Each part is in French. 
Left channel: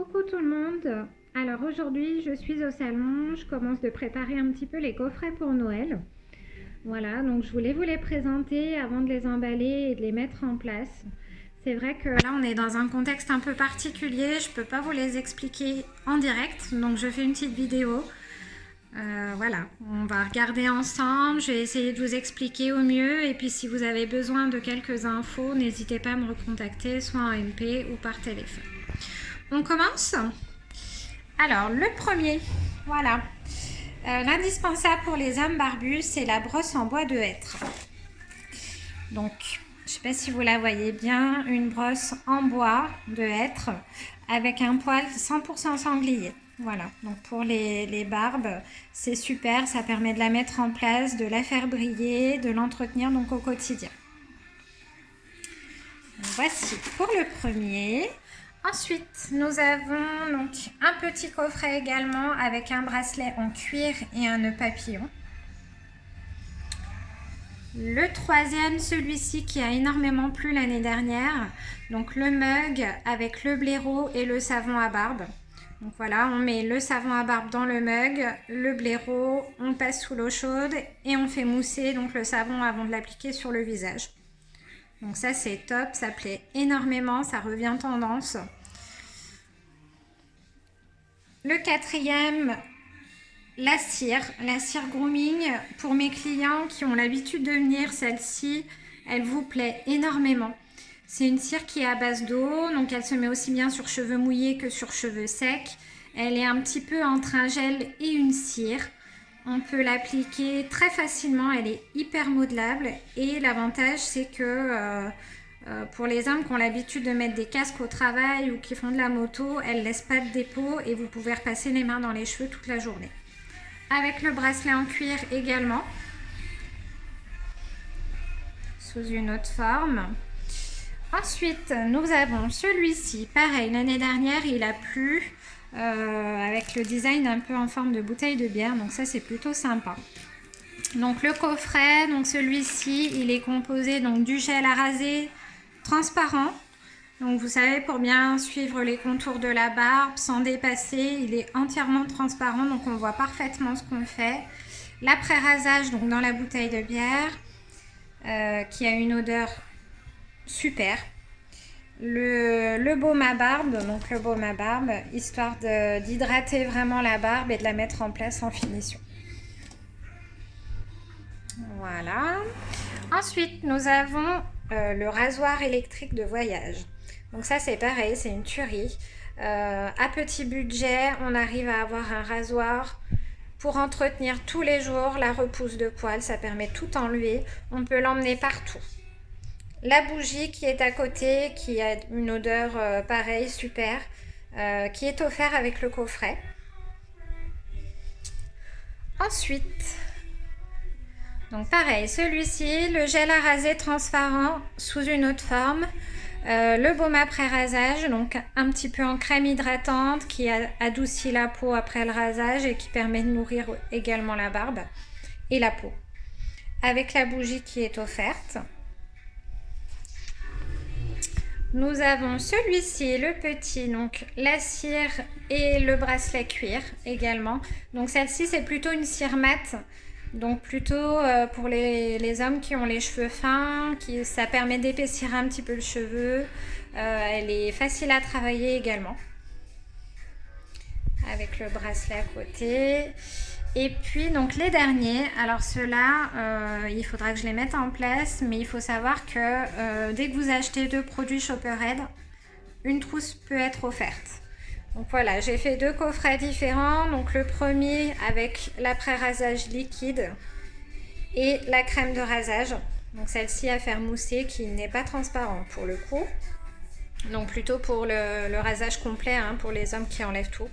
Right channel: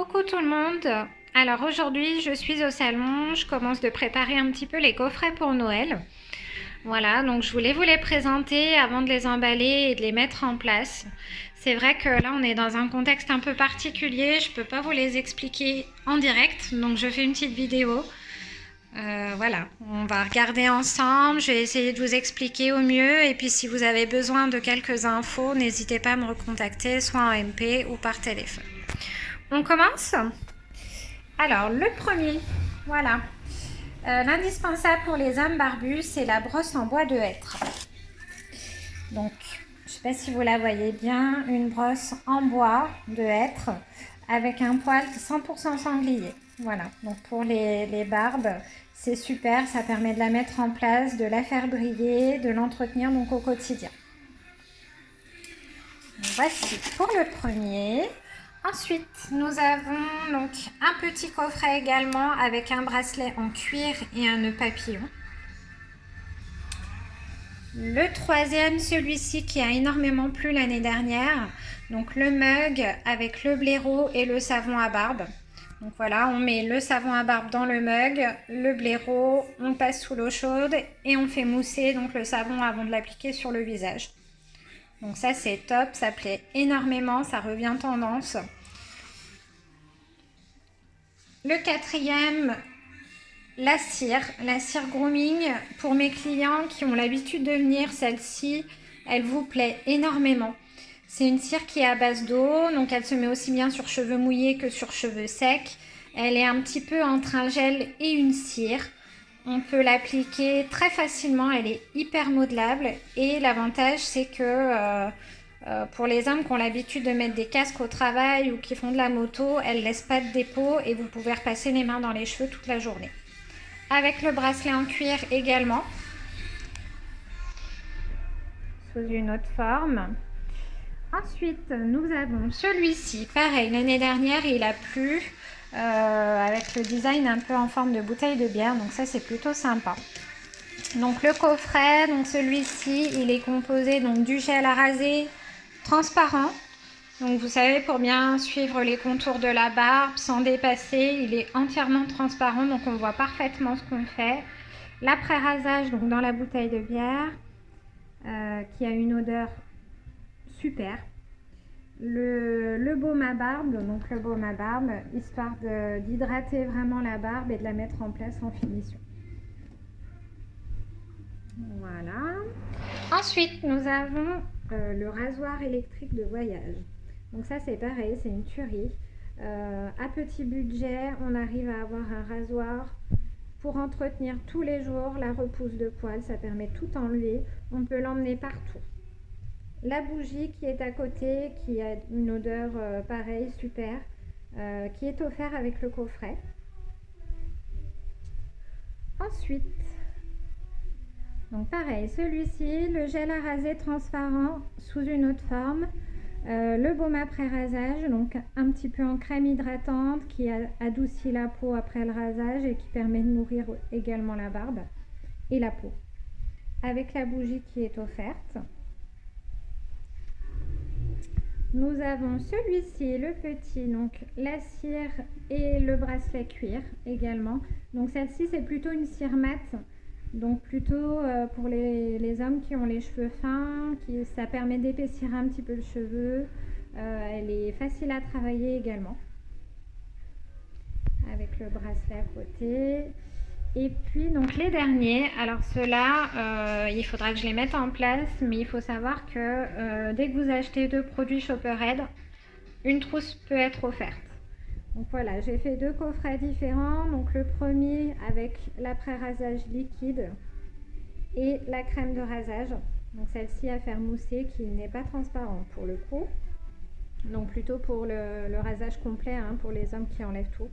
Coucou tout le monde. Alors aujourd'hui je suis au salon, je commence de préparer un petit peu les coffrets pour Noël. Voilà, donc je voulais vous les présenter avant de les emballer et de les mettre en place. C'est vrai que là on est dans un contexte un peu particulier, je peux pas vous les expliquer en direct, donc je fais une petite vidéo. Voilà, on va regarder ensemble, je vais essayer de vous expliquer au mieux et puis si vous avez besoin de quelques infos, n'hésitez pas à me recontacter soit en MP ou par téléphone. On commence ? Alors, le premier, voilà. L'indispensable pour les hommes barbus, c'est la brosse en bois de hêtre. Donc, je ne sais pas si vous la voyez bien, une brosse en bois de hêtre avec un poil 100% sanglier. Voilà, donc pour les barbes, c'est super, ça permet de la mettre en place, de la faire briller, de l'entretenir donc au quotidien. Voici pour le premier. Ensuite, nous avons donc un petit coffret également avec un bracelet en cuir et un nœud papillon. Le troisième, celui-ci qui a énormément plu l'année dernière, donc le mug avec le blaireau et le savon à barbe. Donc voilà, on met le savon à barbe dans le mug, le blaireau, on passe sous l'eau chaude et on fait mousser donc le savon avant de l'appliquer sur le visage. Donc ça c'est top, ça plaît énormément, ça revient tendance. Le quatrième, la cire grooming. Pour mes clients qui ont l'habitude de venir, celle-ci, elle vous plaît énormément. C'est une cire qui est à base d'eau, donc elle se met aussi bien sur cheveux mouillés que sur cheveux secs. Elle est un petit peu entre un gel et une cire. On peut l'appliquer très facilement, elle est hyper modelable et l'avantage c'est que pour les hommes qui ont l'habitude de mettre des casques au travail ou qui font de la moto, elle ne laisse pas de dépôt et vous pouvez repasser les mains dans les cheveux toute la journée. Avec le bracelet en cuir également, sous une autre forme. Ensuite, nous avons celui-ci. Pareil, l'année dernière, il a plu. Avec le design un peu en forme de bouteille de bière, donc ça c'est plutôt sympa. Donc le coffret, donc celui-ci il est composé donc du gel à raser transparent, donc vous savez, pour bien suivre les contours de la barbe sans dépasser, il est entièrement transparent, donc on voit parfaitement ce qu'on fait. L'après-rasage donc dans la bouteille de bière qui a une odeur super. Le baume à barbe, donc le baume à barbe, histoire d'hydrater vraiment la barbe et de la mettre en place en finition. Voilà. Ensuite, nous avons le rasoir électrique de voyage. Donc ça, c'est pareil, c'est une tuerie. À petit budget, on arrive à avoir un rasoir pour entretenir tous les jours la repousse de poils. Ça permet de tout enlever. On peut l'emmener partout. La bougie qui est à côté, qui a une odeur pareille, super, qui est offert avec le coffret. Ensuite, donc pareil, celui-ci, le gel à raser transparent sous une autre forme, le baume après rasage, donc un petit peu en crème hydratante qui adoucit la peau après le rasage et qui permet de nourrir également la barbe et la peau. Avec la bougie qui est offerte. Nous avons celui-ci, le petit, donc la cire et le bracelet cuir également. Donc celle-ci, c'est plutôt une cire mate, donc plutôt pour les hommes qui ont les cheveux fins, ça permet d'épaissir un petit peu le cheveu. Elle est facile à travailler également, avec le bracelet à côté. Et puis donc les derniers, alors ceux-là, il faudra que je les mette en place, mais il faut savoir que dès que vous achetez 2 produits Shopperhead, une trousse peut être offerte. Donc voilà, j'ai fait 2 coffrets différents. Donc le premier avec l'après-rasage liquide et la crème de rasage. Donc celle-ci à faire mousser qui n'est pas transparente pour le coup. Donc plutôt pour le rasage complet, hein, pour les hommes qui enlèvent tout.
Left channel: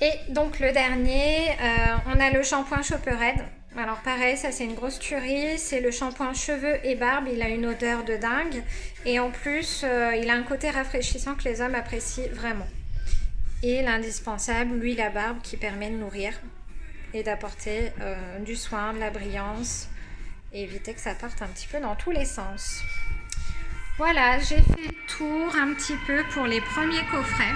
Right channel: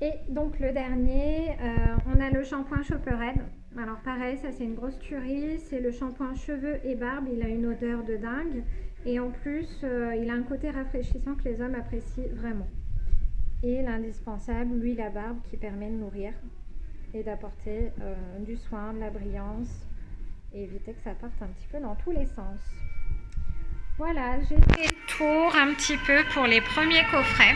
Et donc le dernier, on a le shampoing Shopperhead. Alors pareil, ça c'est une grosse tuerie, c'est le shampoing cheveux et barbe, il a une odeur de dingue et en plus il a un côté rafraîchissant que les hommes apprécient vraiment. Et l'indispensable, l'huile à barbe qui permet de nourrir et d'apporter du soin, de la brillance et éviter que ça parte un petit peu dans tous les sens. Voilà, j'ai fait le tour un petit peu pour les premiers coffrets.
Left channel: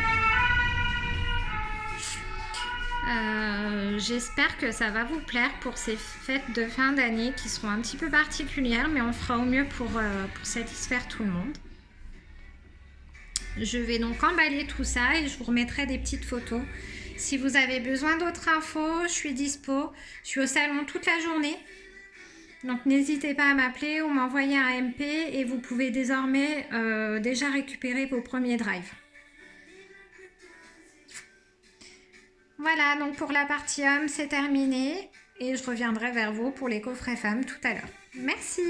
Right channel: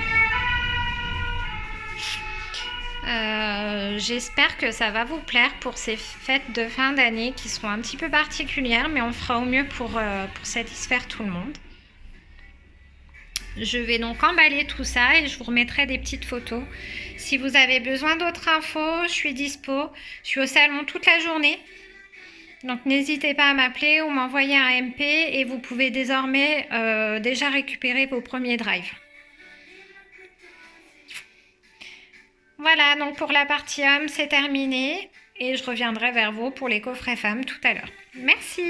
J'espère que ça va vous plaire pour ces fêtes de fin d'année qui seront un petit peu particulières, mais on fera au mieux pour satisfaire tout le monde. Je vais donc emballer tout ça et je vous remettrai des petites photos. Si vous avez besoin d'autres infos, je suis dispo. Je suis au salon toute la journée. Donc n'hésitez pas à m'appeler ou m'envoyer un MP et vous pouvez désormais déjà récupérer vos premiers drives. Voilà, donc pour la partie homme, c'est terminé et je reviendrai vers vous pour les coffrets femmes tout à l'heure. Merci!